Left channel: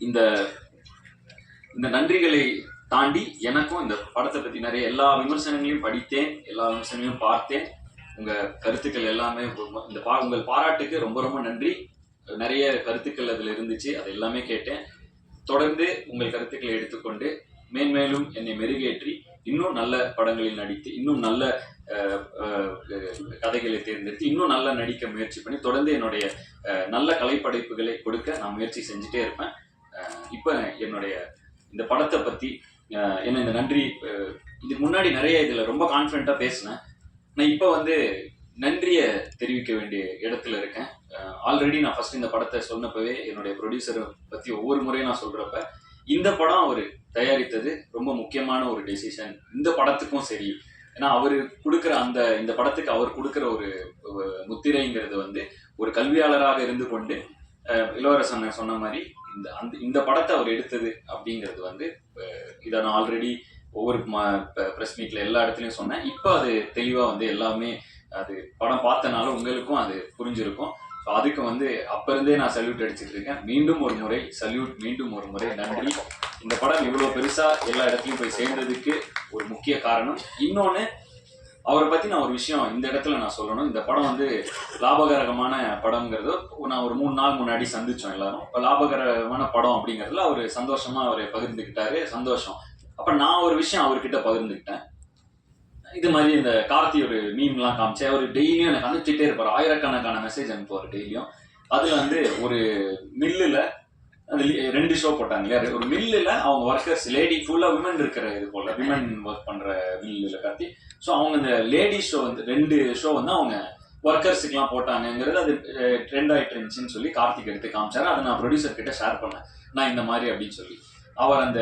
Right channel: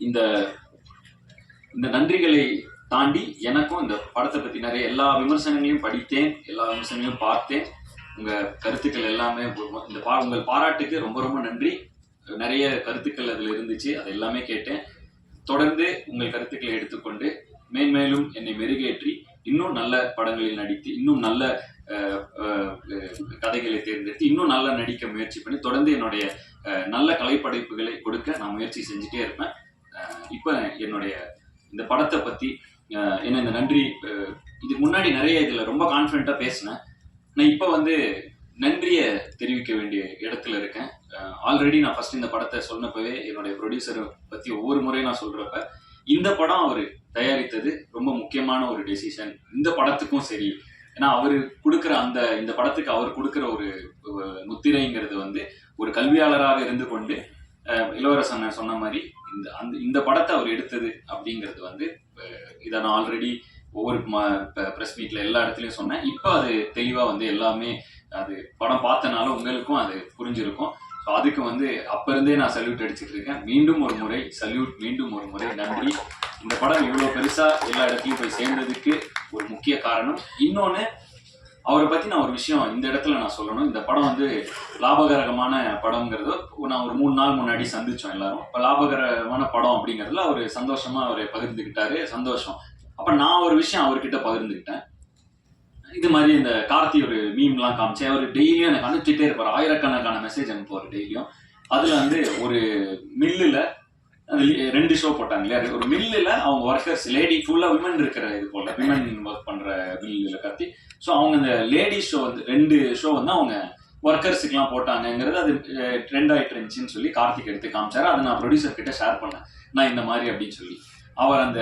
இந்த இந்த நன்றிகளை தாண்டி எனக்கும் இந்த படத்தை பத்தி நிறைய எல்லா விமர்சனங்களையும் படித்தேன், எல்லா விமர்சனங்களையும் பார்த்தேன். உங்க கருத்துக்கள் எல்லாமே இந்த உங்கள் பாராட்டுக்கு ரொம்ப ரொம்ப நன்றி. நிறைய கருத்துக்கள் அதுல இருந்துச்சு, அது எல்லாமே கேட்டேன். தொடர்ந்து உங்கள் கருத்துக்களை எடுத்துக்கொண்டு மேன்மேலும் என்னை மெருகேற்றி இன்னும் நல்ல படங்களில் நடித்து இன்னும் நல்ல கதைகளை தேர்ந்தெடுத்து இன்னும் நல்லா நடிக்க முயற்சி பண்ணி தொடர்ந்து என்னுடைய நல்ல கலைப்படைப்புகளை கொடுக்க நான் முயற்சி செஞ்சுட்டே இருப்பேன். இப்போ என்னுடைய இந்த படத்தை பற்றி என்ன இந்த நன்றி இதுக்கு முன்னாடி நிறைய இதில் ரொம்ப கான்ஃபிடென்ட்டாக பேசினேன். நான் இப்போ நன்றியை தெரிவிக்க வேண்டிய இடத்துல இருக்கேன். ஆல்ரெடி நான் ஃபர்ஸ்ட் இந்த படத்தை சொன்னப்பவே என்னுடைய ப்ரொடியூசரை பற்றி ஒவ்வொரு முறையும் நான் சொல்கிறப்ப இந்த படம் அவர் தயாரித்தது ரொம்ப முக்கியமான ஒரு டெசிஷன் இந்த படத்துக்கும் சரி. ஏன்னா அவர் கொடுக்குற இந்த படத்துக்கு அவர் கொடுக்குற ஒரு முத்திரைங்கிறது ஒரு கல்வியாளராக இருந்து கொண்டு இளவரசன் சொன்ன மாதிரி இந்த படத்தை அவர் எடுத்தது அப்படிங்கிறது இதை நான் ஆல்ரெடி ஒவ்வொரு ப்ரெஸ் மீட்ல எல்லா இடத்துலையும் சொன்னேன். இப்போ அது தெளிவாக எல்லாமே அது படம் பார்த்தனால உங்களுக்கும் அது புரிஞ்சிருக்கும். ஸோ அதுக்கு அப்போ இருந்தே நான் சல்யூட் அடிச்சுட்டு இருக்கேன். மீண்டும் ஒரு முறை சல்யூட், மீண்டும் ஒரு முறை நன்றி. இந்த படம் இவ்வளோ பெருசாக எல்லா இடத்துலையும் போய் சேர்ந்ததுக்கு ஒரு முக்கிய காரணம். இன்னொன்று, அவரை பற்றி நான் ஒரு விஷயம் இந்த இடத்துல நான் சொல்லணும். இந்த படம் லாபகரமான படம்ங்கிறது நான் ஒரு 3 நாள் முன்னாடி சந்தித்தோம் எல்லாரும். இப்போ லாபகரமான படம் அப்படிங்கிறதுல அவர் சந்தோஷமாக அவரை பகிர்ந்துக்கிட்டாரு, சந்தோஷம். அப்போ நான் ஒரு விஷயம் அவர்கிட்ட பகிர்ந்துக்கிட்டேன். இது மாதிரி இந்த கார்த்தி ஒரு மீம்லாம் காமிச்சு அவர் டெய்லியும் எனக்கு அனுப்பிச்சிட்டே இருப்பார். ஆயிரக்கணக்கான மெசேஜ் அனுப்புவார் டெய்லியும். அதில் ஒரு மில்லில் அது 2 ஷோ போட்டாங்க இல்லையா. ஒரு மில்லில் அவங்க ஒர்க்கர்ஸ் லேடி ஃபுல்லாக விமன் இருக்கிற இது போல் விமன் ஒர்க் பண்ணுற மில்லில் கார்த்தி. ஸோ அவங்க இந்த லேடிஸ் ஷோ 2 ஷோ அவங்க ஒர்க்கர்ஸுக்கெலாம் போட்டாங்கங்கிறது அது ட்ரெண்ட் ஆகிட்டு இருந்துச்சுன்னு சொல்லி கார்த்திக் எடுத்து காமிச்சாரு. அதை நான் ப்ரொடியூசர் கிட்ட ஷேர் பண்ணேன், நான் இந்த மாதிரி அப்படின்னு சொல்லி. அவர்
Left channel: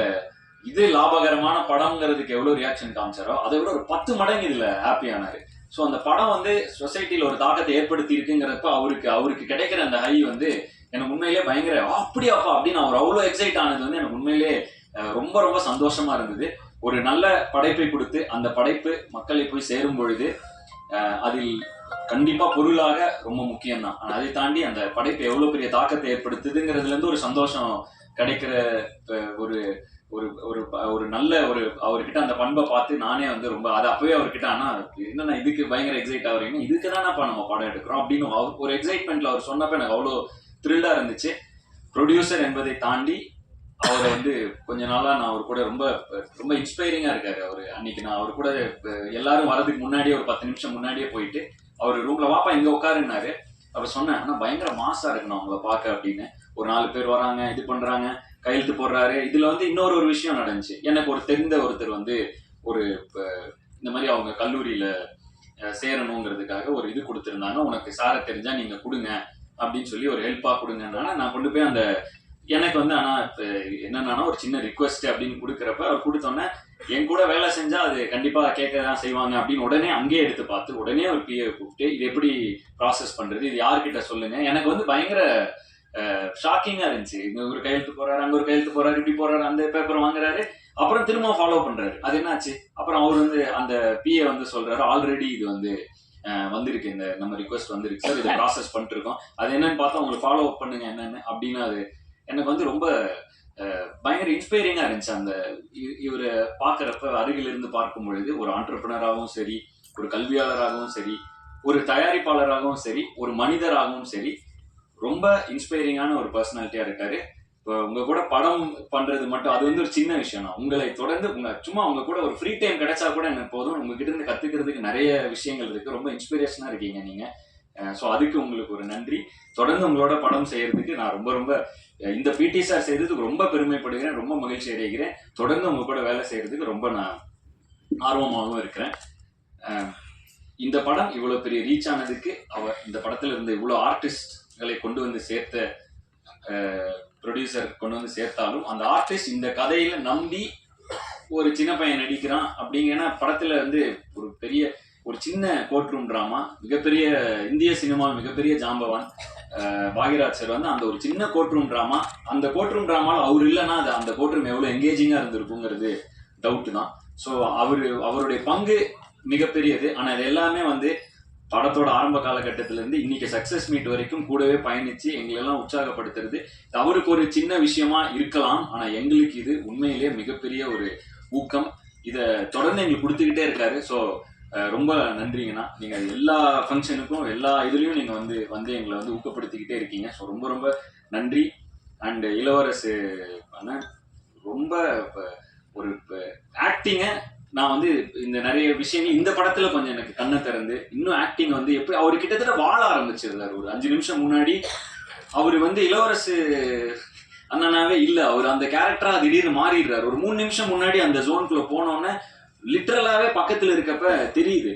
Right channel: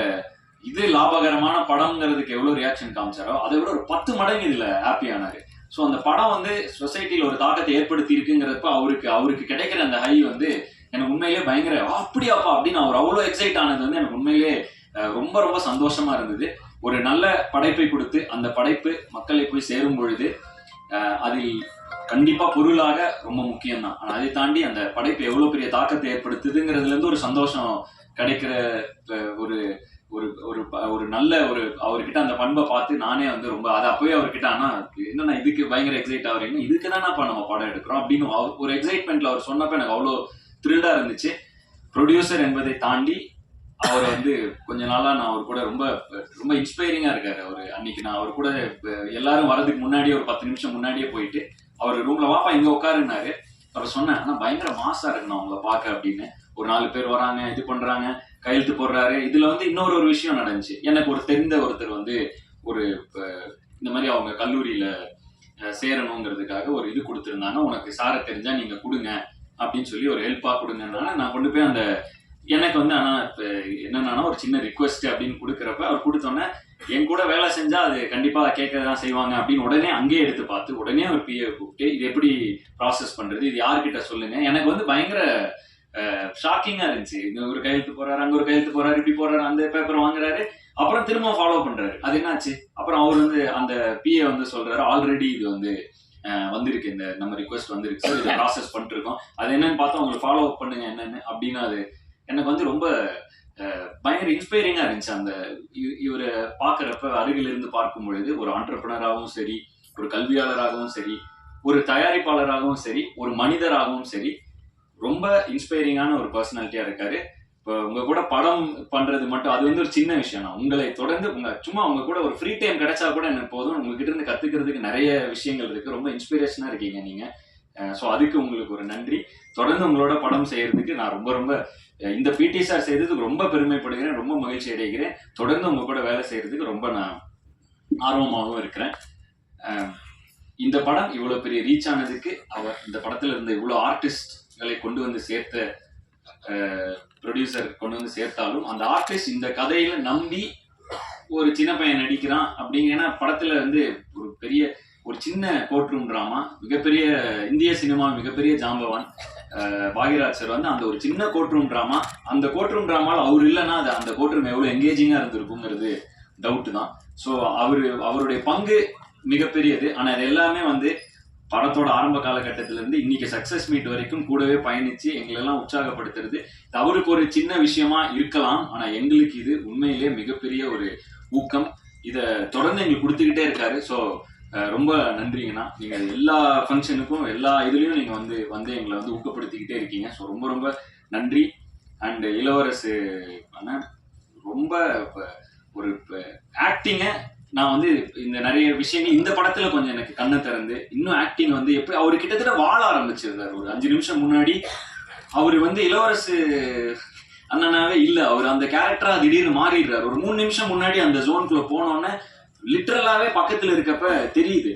இது லாபகரமான படம்ங்கிறதுக்கு எவ்வளோ ரியாக்ஷன் காமிச்சாரோ அதை விட ஒரு 10 மடங்கு இதில் ஹாப்பியானாரு. ஸோ அந்த படம் சொசைட்டியில் ஒரு தாக்கத்தை ஏற்படுத்தி இருக்குங்கிறப்ப அவருக்கு கிடைக்கிற அந்த ஹை எனக்கு உண்மையிலே பயங்கர அப்படியாப்பா அப்படின்னு அவர் அவ்வளோ எக்ஸைட் ஆனது எனக்கு உண்மையிலே ரொம்ப ரொம்ப சந்தோஷமா இருந்தது. ஒரு நல்ல படைப்பை கொடுத்து அந்த படைப்பு மக்களை போய் சேரும் பொழுது அதில் கண்டிப்பா பொருளாக ரொம்ப முக்கியம்தான். ஆனால் அதை தாண்டி அந்த படைப்பு எவ்வளோ பெரிய தாக்கத்தை ஏற்படுத்துதுங்கிறதுலேருந்து ஒரு சந்தோஷம் கிடைக்கிற ஒரு ஒரு ஒரு நல்ல அவர்கிட்ட அந்த பண்பை பார்த்து நானே ரொம்ப அதை அப்பவே அவர்கிட்ட என்னன்னா இதுக்கு பயங்கர எக்ஸைட் ஆகுறீங்க, இதுக்கு தானேப்பா நம்ம படம் எடுக்கிறோம் அப்படின்னு ஒரு எக்ஸைட்மெண்ட்ல அவர் சொன்னப்ப எனக்கு அவ்வளோ த்ரில்லா இருந்துச்சு. ப்ரொடியூசர் என்பதை தாண்டி அவர் கொஞ்ச நாளா நான் அவர் கூட ரொம்ப ரொம்ப இன்ஸ்பைரிங்கா இருக்காரு. அன்னைக்கு நான் அவர் கூட எல்லாரும் வரதுக்கு முன்னாடியே ஒரு 10 நிமிஷம் முன்னாடியே போயிட்டு அவர் ரூம்ல வாப்பா இங்க உட்காருன்னாரு. அவர் சொன்னேன், ஆனா பயங்கர மாசா இருக்குண்ணா அவங்கள பார்க்க அப்படின்னு. ஒரு 4 பேர் வராங்க, இது பண்றாங்க, கையெழுத்து போடுறாரு. இதுல இன்னொரு விஷயம் நடந்துச்சு. எனக்கு ஒரு தெரிந்த ஒருத்தர் ஒரு இந்த மாதிரி அவங்க கல்லூரியில சேரணுங்கிறதுக்காக ஒரு இது கொடுத்துருந்தாங்க. உனக்கு சாரை தெரிஞ்சா நீங்க கொடுங்க அப்படின்னு சொல்லி ஒரு ஹெல்ப்பா கொடுங்கன்னா நான் கொண்டு போய் எனக்கு ஆனா என்னன்னா ஒரு சின்ன ரிக்வெஸ்ட் அப்படின்னு கொடுக்குறப்ப அவர் கொடுத்தோன்னே என் கூட வேலை செஞ்சா அது கண்டிப்பா கேட்கதான் செய்வாங்க அப்படின்னு உடனே அங்கேயே எடுத்து பார்த்து உடனே ஒரு பிஏ கூப்பிட்டு இது எப்படி ப்ராசஸ் பண்றது, இது யார்கிட்ட சொல்லுங்க. எனக்கு பயங்கர ஷாக்கிங்கா இருந்துச்சு. இங்க ஒரு கையெழுத்து போறாரு, அங்க ஒரு கையெழுத்து போறாரு, இப்படி போறாரு, அந்த பேப்பரை வாங்குறாரு, அப்புறம் திரும்ப ஃபாலோ பண்றாரு. அது என்னாச்சு? அப்புறம் அவர் அந்த பிஏ சொல்றாரு, ஆல்ரெடி இது வந்திருக்கு, இந்த நம்ம ரிக்வெஸ்ட் வந்திருக்கு சார், இதை ப்ராசஸ் பண்ணிட்டு இருக்கோம், அது என்னன்னு பார்த்தா உங்களுக்கு ஃபாலோ அப் பண்ணுங்க என்னன்னு அப்படின்னு. அது எனக்கு ரொம்ப பயங்கர இன்ஸ்பைரிங்கா இருந்துச்சு. இவரை பார்க்கறப்ப அருகில் இருந்து பார்க்கும் பொழுது ஒரு ஆண்டர்பிரனராகவும் சரி, ஒரு கல்வியாளராகவும் சரி, ஒரு தயாரிப்பாளராகவும் சரி, ஒரு மனிதராகவும் சரி, ரொம்ப இன்ஸ்பைரிங்கான ஒரு பர்சனாலிட்டியா இருக்காரு. இப்போ உங்க கூட படம் பண்றது மட்டும் அது ஒரு சின்ன விஷயம் தான். உங்களை தொடர்ந்து சும்மா உங்க கூட ஒரு ஃப்ரீ டைம் கிடைச்சா கூட எனக்கு போதும். உங்ககிட்ட இருந்து கத்துக்கிறதுக்கு நிறைய விஷயங்கள் இருக்கு. ரொம்ப இன்ஸ்பிரேஷனா இருக்கீங்க நீங்க. ஸோ அதுக்கு உங்களுக்கு ஒரு நன்றி. தொடர்ந்து உங்களோட படம் செய்யறதுக்கு நான் ரொம்ப ரொம்ப இந்த பிடி சார் செய்யறதுக்கு ரொம்ப பெருமைப்படுகிறேன், ரொம்ப மகிழ்ச்சி அடைகிறேன். தொடர்ந்து உங்க கூட வேலை செய்யறதுக்கு ரொம்ப நான் ஆர்வமாகவும் இருக்கிறேன். இந்த படம் இவ்வளவு பெரிய ரீச் ஆனதுக்கு இந்த படத்துல இருந்த இவ்வளவு ஆர்டிஸ்ட்களை கொண்டு வந்து சேர்த்த ப்ரொடியூசர் கொண்டு வந்து சேர்த்தாலும் அந்த ஆர்டிஸ்ட் இந்த கதையில நம்பி ஒரு சின்ன பையன் நடிக்கிறான் அப்படிங்கன்னா படத்துல ஒரு பெரிய ஒரு சின்ன கோர்ட் ரூம் டிராமா, மிகப்பெரிய இந்திய சினிமா மிகப்பெரிய ஜாம்பவான் பாகிராஜ் சார் அந்த ஒரு சின்ன கோர்ட் ரூம் டிராமா, அந்த கோர்ட் ரூம் டிராமாவில் அவர் இல்லைன்னா அந்த கோர்ட் ரூம் எவ்வளோ எங்கேஜிங்காக இருந்திருக்குங்கிறது டவுட்டு தான். ஸோ அவருடைய பங்கு மிகப்பெரியது. ஆனால் இது எல்லாமே படத்தோட ஆரம்ப காலகட்டத்தில இருந்து இன்னைக்கு சக்சஸ் மீட் வரைக்கும் கூடவே பயணிச்சு எங்களெல்லாம் உற்சாகப்படுத்துறது அவருக்கு ஒரு சின்ன விஷயமா இருக்கலாம். ஆனா எங்களுக்கு இது உண்மையிலேயே மிகப்பெரிய ஒரு ஊக்கம். இத தொடர்ந்து எங்களுக்கு கொடுத்துக்கிட்டே இருக்காரு. ஸோ ரொம்ப நன்றிங்கண்ணா. நீங்க எல்லா ஃபங்க்ஷனுக்கும் எல்லா இதுலயும் நீங்க வந்து எங்களை ஊக்கப்படுத்திக்கிட்டே இருக்கீங்க. ஸோ ரொம்ப ரொம்ப நன்றி. அண்ட் இளவரசு அண்ணன் ரொம்ப ஒரு ஆக்டிங்க நான் இந்த நிறைய விஷயங்கள் இந்த படத்துல கொஞ்சம் எனக்கு கண்ணை திறந்து இன்னும் ஆக்டிங் எப்படி அவர் கிட்டத்தட்ட வாழ ஆரம்பிச்சிருந்தாரு. ஒரு 5 நிமிஷம் முன்னாடி அவர் இளவரசு அண்ணனாவே இல்ல, அவர் அந்த கேரக்டரா திடீர்னு மாறிடுறாரு. ஒரு 3 நிமிஷம் முன்னாடி அந்த ஜோனுக்குள்ள போனோன்னே லிட்டரலாவே பக்கத்துல இருக்கப்ப தெரியுது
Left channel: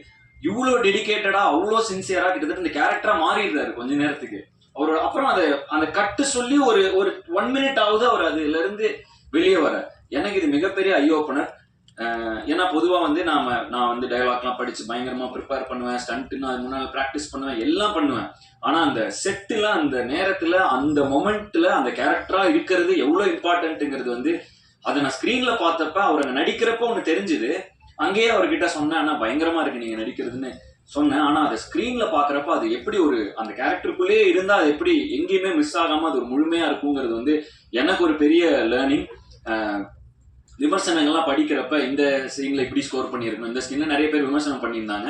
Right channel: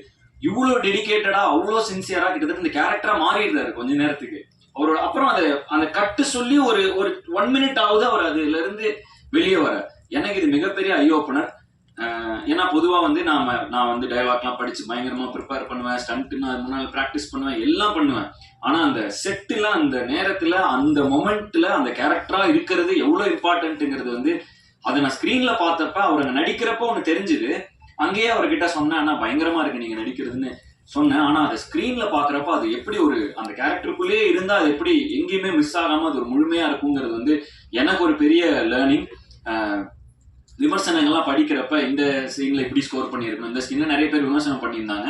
இவ்வளவு டெடிகேட்டடா அவ்வளோ சின்சியரா கிட்டத்தட்ட இந்த கேரக்டரா மாறிடுறாரு கொஞ்ச நேரத்துக்கு. அவரோட அப்புறம் அந்த கட்டு சொல்லி ஒரு ஒரு 1 மினிட் ஆகுது அவர் அதுல இருந்து வெளியே வர. எனக்கு இது மிகப்பெரிய ஐ ஓப்பனர். ஏன்னா பொதுவா நான் டயலாக்லாம் படிச்சு பயங்கரமா ப்ரிப்பேர் பண்ணுவேன், ஸ்டண்ட் நான் முன்னால ப்ராக்டிஸ் பண்ணுவேன், எல்லாம் பண்ணுவேன். ஆனா அந்த செட்டுல அந்த நேரத்துல அந்த மொமெண்ட்ல அந்த கேரக்டரா இருக்கிறது எவ்வளவு இம்பார்ட்டன்ட்ங்கிறது அதை நான் ஸ்கிரீன்ல பார்த்தப்ப அவர் நடிக்கிறப்ப ஒண்ணு தெரிஞ்சுது. அங்கேயே அவர்கிட்ட சொன்னேன், ஆனா பயங்கரமா இருக்கு நீங்க நடிக்கிறதுன்னு சொன்னேன். ஆனா அதை ஸ்கிரீன்ல பாக்குறப்ப அது எப்படி ஒரு அந்த கேரக்டருக்குள்ளேயே இருந்தா அது எப்படி எங்கேயுமே மிஸ் ஆகாம அது ஒரு முழுமையா இருக்குங்கிறது எனக்கு ஒரு பெரிய லேர்னிங். விமர்சனங்கள்லாம் படிக்கிறப்ப இந்த சீன்ல இப்படி ஸ்கோர் பண்ணியிருக்கணும், இந்த சீன்ல நிறைய பேர் விமர்சனம் பண்ணியிருந்தாங்க.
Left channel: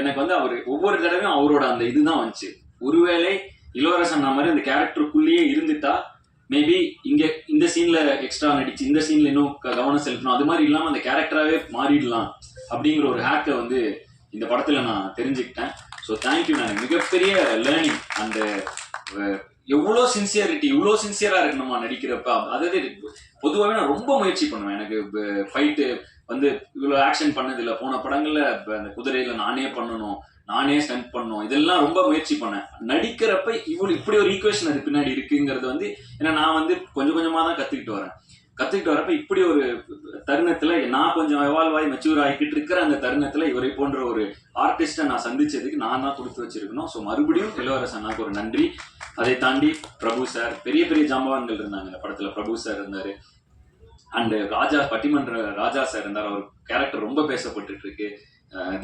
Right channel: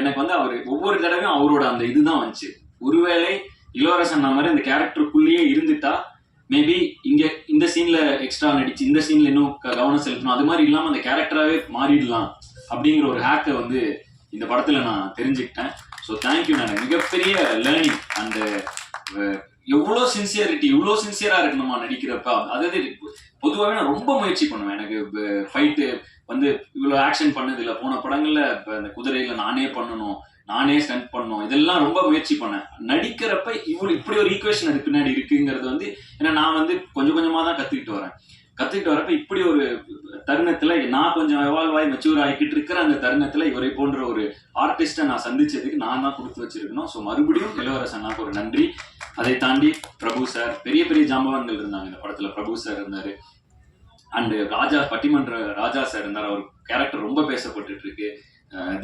எனக்கு அவர் ஒவ்வொரு தடவையும் அவரோட அந்த இதுதான் வந்துச்சு. ஒருவேளை இளவரசன் மாதிரி இந்த கேரக்டருக்குள்ளேயே இருந்துட்டா மேபி இங்க இந்த சீன்ல எக்ஸ்ட்ரா நடிச்சு இந்த சீன்ல இன்னும் கவனம் செலுத்தணும், அது மாதிரி இல்லாம அந்த கேரக்டராகவே மாறிடலாம் அப்படிங்கிற ஒரு ஹேக்கை இந்த படத்துல நான் தெரிஞ்சுக்கிட்டேன். So thank you. நான் மிகப்பெரிய லேர்னிங். அந்த எவ்வளோ சின்சியரிட்டி இவ்வளோ சின்சியரா இருக்கணுமா நடிக்கிறப்ப. அதாவது பொதுவாகவே நான் ரொம்ப முயற்சி பண்ணுவேன். எனக்கு ஃபைட்டு இவ்வளோ ஆக்ஷன் பண்ணது இல்லை. போன படங்கள்ல அந்த குதிரையில நானே பண்ணணும், நானே ஸ்டண்ட் பண்ணணும், இதெல்லாம் ரொம்ப முயற்சி பண்ணேன். நடிக்கிறப்ப இப்படி ஒரு ஈக்குவேஷன் அது பின்னாடி இருக்குங்கிறது ஏன்னா நான் கொஞ்சம் கொஞ்சமா தான் கத்துக்கிட்டு வரப்ப இப்படி ஒரு தருணத்துல நான் கொஞ்சம் எவால்வ் ஆகி மெச்சூர் ஆகிக்கிட்டு இருக்கிற அந்த தருணத்துல இவரை போன்ற ஒரு ஆர்டிஸ்டை நான் சந்திச்சதுக்கு நான் தான் கொடுத்து வச்சிருக்கணும். ஸோ மறுபடியும் இளவரசன் அண்ணாக்கு ஒரு நன்றி. அதை தாண்டி பிரபு சார், பெரிய பெரிய ஜாம்பவான்கள் இருந்தாங்க இந்த படத்துல. பிரபு சார் இருந்தாரு, அண்ட் பட்டிமன்ற ராஜா சார் இருந்தார். அவர் கேரக்டர் ரொம்ப பேசப்பட்டு இருக்கு.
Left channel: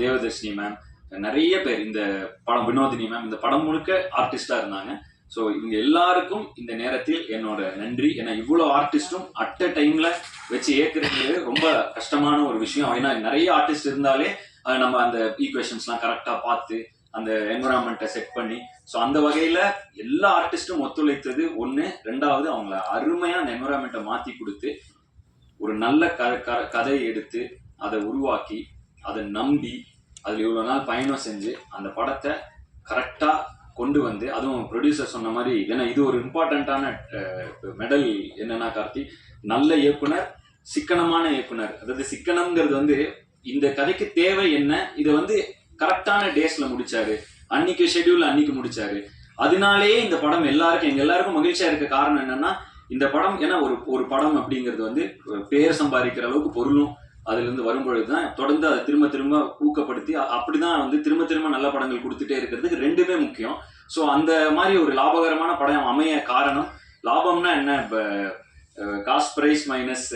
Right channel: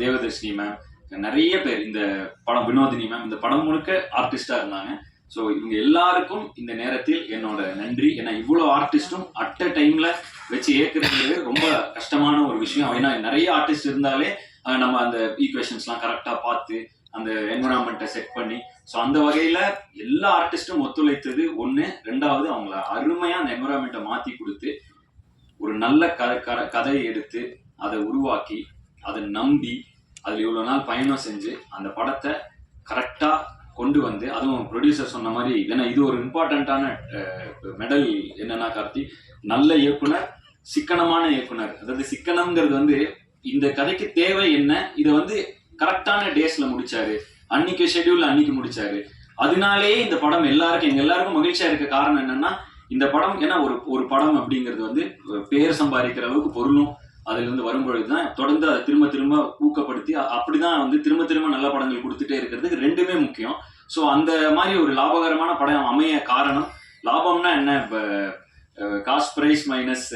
தேவதர்ஷினி மேம், நிறைய பேர் இந்த படம், வினோதினி மேம், இந்த படம் முழுக்க ஆர்டிஸ்டா இருந்தாங்க. ஸோ இவங்க எல்லாருக்கும் இந்த நேரத்தில் என்னோட நன்றி. ஏன்னா இவ்வளோ ஆர்டிஸ்டும் அட் அ டைம்ல வச்சு ஏற்கிறது ரொம்ப கஷ்டமான ஒரு விஷயம். ஏன்னா நிறைய ஆர்டிஸ்ட் இருந்தாலே நம்ம அந்த ஈக்குவேஷன்ஸ்லாம் கரெக்டா பார்த்து அந்த என்விரான்மெண்ட்டை செட் பண்ணி, ஸோ அந்த வகையில எல்லா ஆர்டிஸ்டும் ஒத்துழைத்தது ஒன்று. ரெண்டாவது அவங்கள அருமையா அந்த என்விரான்மெண்ட்டை மாற்றி கொடுத்து ஒரு நல்ல கதையை எடுத்து அதை உருவாக்கி அதை நம்பி அதில் இவ்வளோ நாள் பயணம் செஞ்சு அந்த படத்தை கரெக்டா கொண்டு அதுவும் ப்ரொடியூசர் சொன்ன மாதிரி, ஏன்னா இது ஒரு இம்பார்ட்டண்ட்டான மெடல் என்னன்னா கார்த்தி, நல்ல இயக்குனர், சிக்கனமான இயக்குனர். அதாவது சிக்கனம்ங்கிறது இந்த கதைக்கு தேவை என்ன, இதை கரெக்டான டேஸ்ல முடிச்சாரு, அன்னைக்கு ஷெட்யூல் அன்னைக்கு முடிச்சாரு. அதனாலேயே இந்த படம் எங்க எல்லாருக்கும் மகிழ்ச்சியா இருக்க காரணம் என்னன்னா, இந்த படம் ஏன்னா ஒரு படம் அப்படிங்கிறது பேர் சம்பாதிக்கிற அளவுக்கு பொருளும் அதுல இருந்து வரும்பொழுதுதான் தொடர்ந்து அதை திரும்ப திரும்ப ஊக்கப்படுத்தி அப்படிதான் திரும்ப திரும்ப நல்ல படங்கள் கொடுத்துட்டே இருக்கிறதுக்கு ரெண்டுமே முக்கியம். ஸோ அந்த மாதிரி ஒரு லாபகரமான படம் அமைய காரணம், லாபம்னா என்ன, இப்போ காஸ்ட் ப்ரைஸ் மைனஸ்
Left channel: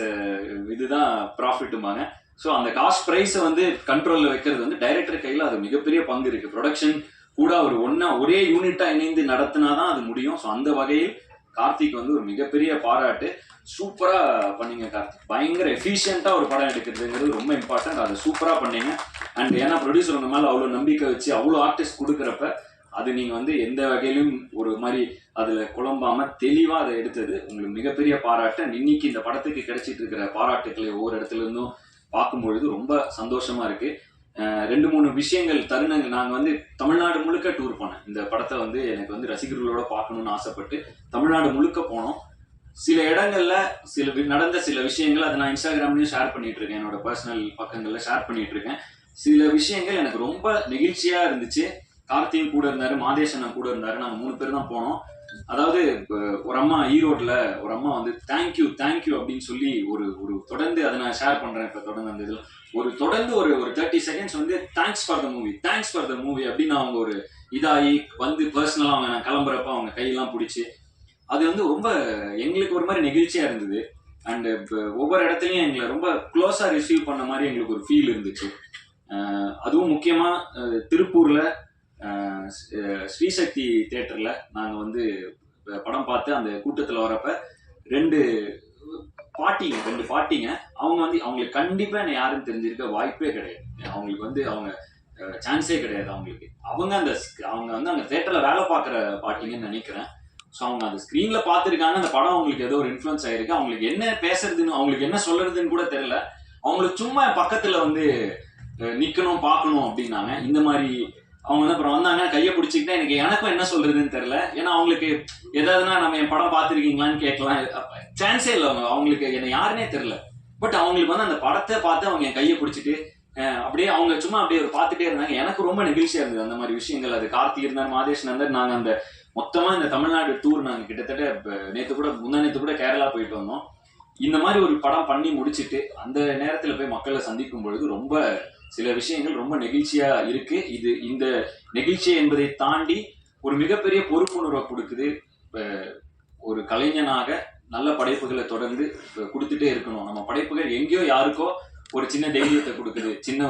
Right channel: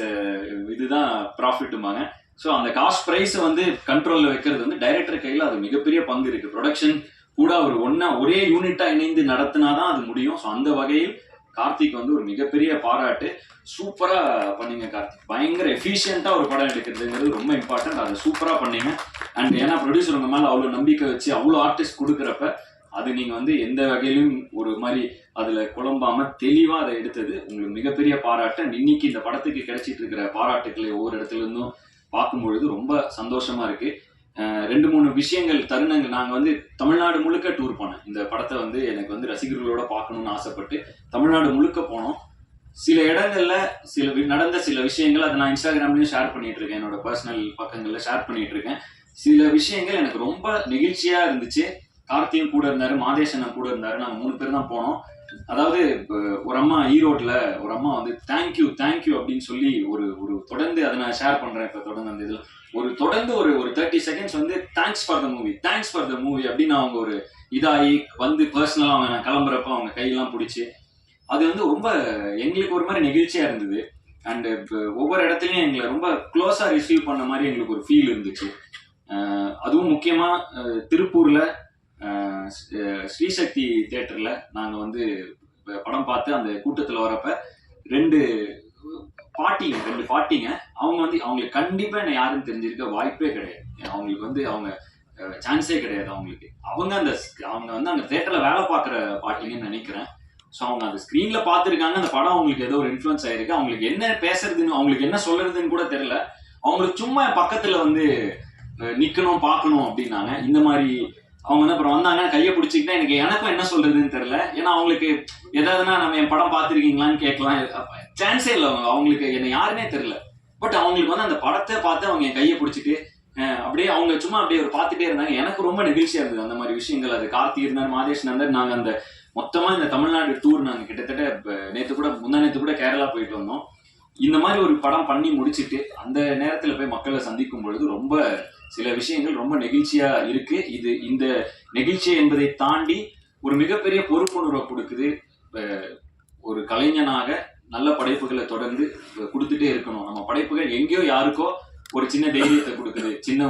இதுதான் ப்ராஃபிட்டுமாங்க. ஸோ அந்த காஸ்ட் ப்ரைஸை கண்ட்ரோலில் வைக்கிறது டைரக்டர் கையில் அது மிகப்பெரிய பங்கு இருக்கு. ப்ரொடக்ஷன் கூட ஒரு ஒரே யூனிட்டா இணைந்து நடத்தினாதான் அது முடியும். ஸோ அந்த வகையில் கார்த்திக் ஒரு மிகப்பெரிய பாராட்டு. சூப்பரா பண்ணீங்க கார்த்திக், பயங்கர எஃபிஷியண்டா ஒரு படம் எடுக்கிறதுங்கிறது ரொம்ப இம்பார்ட்டன்ட். அதை சூப்பரா பண்ணீங்க. அண்ட் ஏன்னா ப்ரொடியூசர் உங்க மேல அவ்வளவு நம்பிக்கை வச்சு அவ்வளோ ஆர்டிஸ்ட் கொடுக்குறப்ப அது நீங்க எந்த வகையிலும் ஒரு மாதிரி அதுல குழம்பாம தெளிவா அதை எடுத்தது உங்களுக்கு மிகப்பெரிய பாராட்டு. இன்னைக்கு இந்த படத்துக்கு கிடைச்சிட்டு இருக்கிற பாராட்டுக்களை ஒவ்வொரு இடத்துல இருந்தும் பார்க்கும்பொழுது ரொம்ப சந்தோஷமா இருக்கு. 2-3 விஷயங்கள் தருணங்கள், நாங்க தமிழ்நாடு முழுக்க டூர் போனேன். இந்த படத்தை எனக்கு ரசிகர்களோட பார்க்கணும்னு ஆசைப்பட்டு தமிழ்நாடு முழுக்க போனோம். சில இடங்கள்ல நடந்த சில விஷயங்கள் அதை நான் இன்ஸ்டாகிராம்லயும் ஷேர் பண்ணிட்டு இருக்கேன், என்னோட பர்சனல் பக்கங்கள்ல ஷேர் பண்ணிட்டு இருக்கேன். சில விஷயங்கள் எனக்கு ரொம்ப நெகிழ்ச்சியா இருந்துச்சு. கார்த்தியும் கூட இருந்தாரு, மாதேஷன் கூட இருந்தாரு, நாங்க 3 பேர் தான் போனோம். அதாவது ஒரு அம்மா ஈரோட்ல ஒரு அம்மா தேங்க்யூ அப்படின்னு சொல்லி ஒரு தொடர்ந்து அதை நான் ஷேர் பண்றேன். இப்ப தொடர்ந்து அந்த இதுல தொடர்ந்து ஒரு 30 seconds thanks for the movie அப்படின்னு அவங்க ஒரு இதாகி பர்சனலா அவங்க நான் கிளம்புறப்ப அவங்க கையெல்லாம் பிடிச்சி அது ரொம்ப எங்களுக்கு ஒரு மாதிரி நெகிழ்ச்சியா இருந்தது. அண்ட் ஒவ்வொரு இடத்துலயும் எங்களை ரொம்ப க்ளோஸா ரிசீவ் பண்ண மாதிரி எங்களுக்கு ஒரு ஃபீல் இருந்துச்சு. அதுவும் முக்கியமா திருப்பூர்ல ஸ்ரீசக்தி தியேட்டர்ல நாங்க வந்து படம் பார்த்து அந்த கூட்டத்துல வரப்ப ரெண்டு ரெண்டு பாட்டிங்க. அவங்க வந்து அவங்களுக்கு கண்டிப்பா என்ன யாருன்னு தெரிஞ்சிருக்க வாய்ப்பே கிடையாது. அவங்களுக்கு வந்து அவங்க சான்ஸே கிடையாது அவங்களுக்கு. அவங்க வந்து அந்த தியேட்டர்ல வேலை பார்க்குற பாட்டிங்கன்னு நினைக்கிறேன். ஸோ அவங்க அந்த ஸ்க்ரீன்ல பார்த்துருக்காங்க. அந்த படம் அவங்களுக்கு ஏதோ ஒரு இன்ஃப்ளூயன்ஸ் ஆயிருக்கு. அவங்களுக்கு என்ன பேசுறதுன்னு, அவங்களுக்கு என்ன சொல்றதுன்னு கூட தெரியல. அவங்களுக்கு சும்மா பக்கத்துல வந்து நிக்கணும் பார்க்கணும் அப்படின்னாங்க. இந்த மாதிரி அவங்க வந்து அப்புறம் வந்தாங்க, கையை பிடிச்சிக்கிட்டா எனக்கும் என்ன சொல்றதுன்னு தெரியல. ஏன்னா அவங்களுக்கு ஏதாவதுனா நம்ம என் படம் பார்த்துருக்கீங்களான்னு கேட்கலாம், சான்ஸே இல்லை. அவங்களுக்கு என்ன யாருன்னே தெரியல. பட் அவங்களுக்கு வந்து அந்த படத்தை பார்த்து அவங்க என் கையை பிடிச்சிட்டு அப்படியே அவங்க சும்மா அப்படியே பார்த்துட்டே இருந்தாங்க. எனக்கு ரொம்ப நெகிழ்ச்சியா இருந்தது அந்த மாதிரி விஷயங்கள். அது கார்த்தி இருந்தார், மாதேஷ் நந்தர், நாங்கள் அந்த மொத்தமா இந்த தமிழ்நாடு டூர் நாங்கள் கிட்டத்தட்ட நேற்று கூட முந்தா நேற்று கூட கேரளா போயிட்டு வந்தோம். இந்த மாதிரி ஒரு படம் பண்ணி முடிச்சுட்டு அந்த நேரத்தில் போய் மக்களை சந்திக்கும் பொழுது ரொம்ப சில விஷயங்கள் ரொம்ப நெகிழ்ச்சியா இருக்கு. இந்த நெகிழ்ச்சி என்பதை தாண்டி ஒரு மிகப்பெரிய பொறுப்புணர்வை கொடுக்குது. ஒரு கலைஞனாக நல்ல படைப்புகளை தொடர்ந்து கொடுத்துட்டே இருக்கணும். நம்ம படைப்புகள் எங்கேயோ யாருக்கோ ஒரு சின்ன தைரியத்தை கொடுக்குது, சின்ன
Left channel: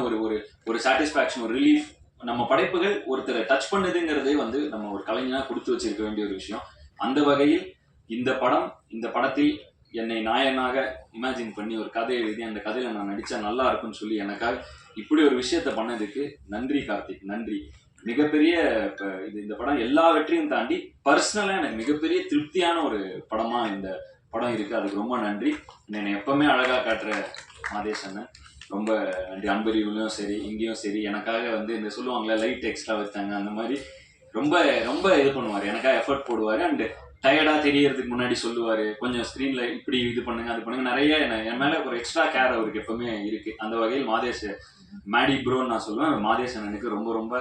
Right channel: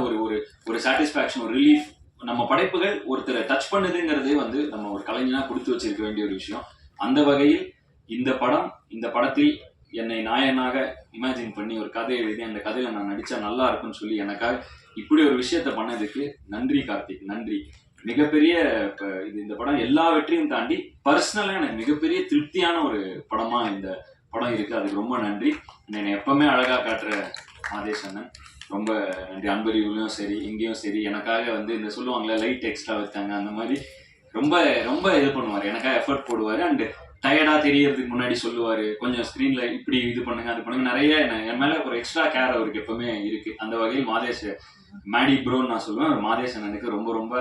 ஒரு சாட்டிஸ்பாக்சன், ஒரு ரிலீஃப். நம்ம படைப்புகள் ஒருத்தரை டச் பண்ணுதுங்கிறதே வந்து நம்ம ஒரு கலைஞனா கொடுத்து வச்சிருக்க வேண்டிய ஒரு விஷயம். அந்த வகையில் இந்த படத்தில் என்னை நாயனாக இமேஜின் பண்ணி ஒரு கதை எழுதி அந்த கதையில நான் நடிச்சா நல்லா இருக்கும்னு சொல்லி எனக்காக இப்படி ஒரு விஷயத்த பண்ணதுக்கு நன்றி கார்த்திக், நன்றி. மிகப்பெரிய இந்த படம் எல்லா வெற்றியும் தாண்டி பர்சனலா எனக்கு மிகப்பெரிய திருப்தியான ஒரு படமா இந்த படம் இருக்கு. அதுக்கு ரொம்ப நன்றி. என்னை எப்பவுமே அழகா காட்டுற மாதேஷ் அண்ணன் ரொம்ப நன்றி. அன்பரிவுலையும் சரி இங்கேயும் சரி எனக்காக வந்து இந்த சொல்லுவாங்களே லைட் எக்ஸ்ட்ரா வச்சாங்க அந்த மாதிரி ரொம்ப ரொம்ப இது பண்ணுவார், எனக்காக எஃபர்ட் போடுவார். அண்ட் டயர்டா தெரியறதுக்கு முன்னாடி சொல்லுவார், கொஞ்சம் ஸ்க்ரீன்ல இப்படி இது பண்ணுங்க அது பண்ணுங்க, நிறைய என் மேல ஒரு எக்ஸ்ட்ரா கேர் அவருக்கு எப்பவுமே இருக்கு. அந்த வகையில் மாதேஷ் மேடி ப்ரோன்னு நான் சொல்லுவேன். மாதேஷ் அண்ணனுக்கு ரொம்ப ரொம்ப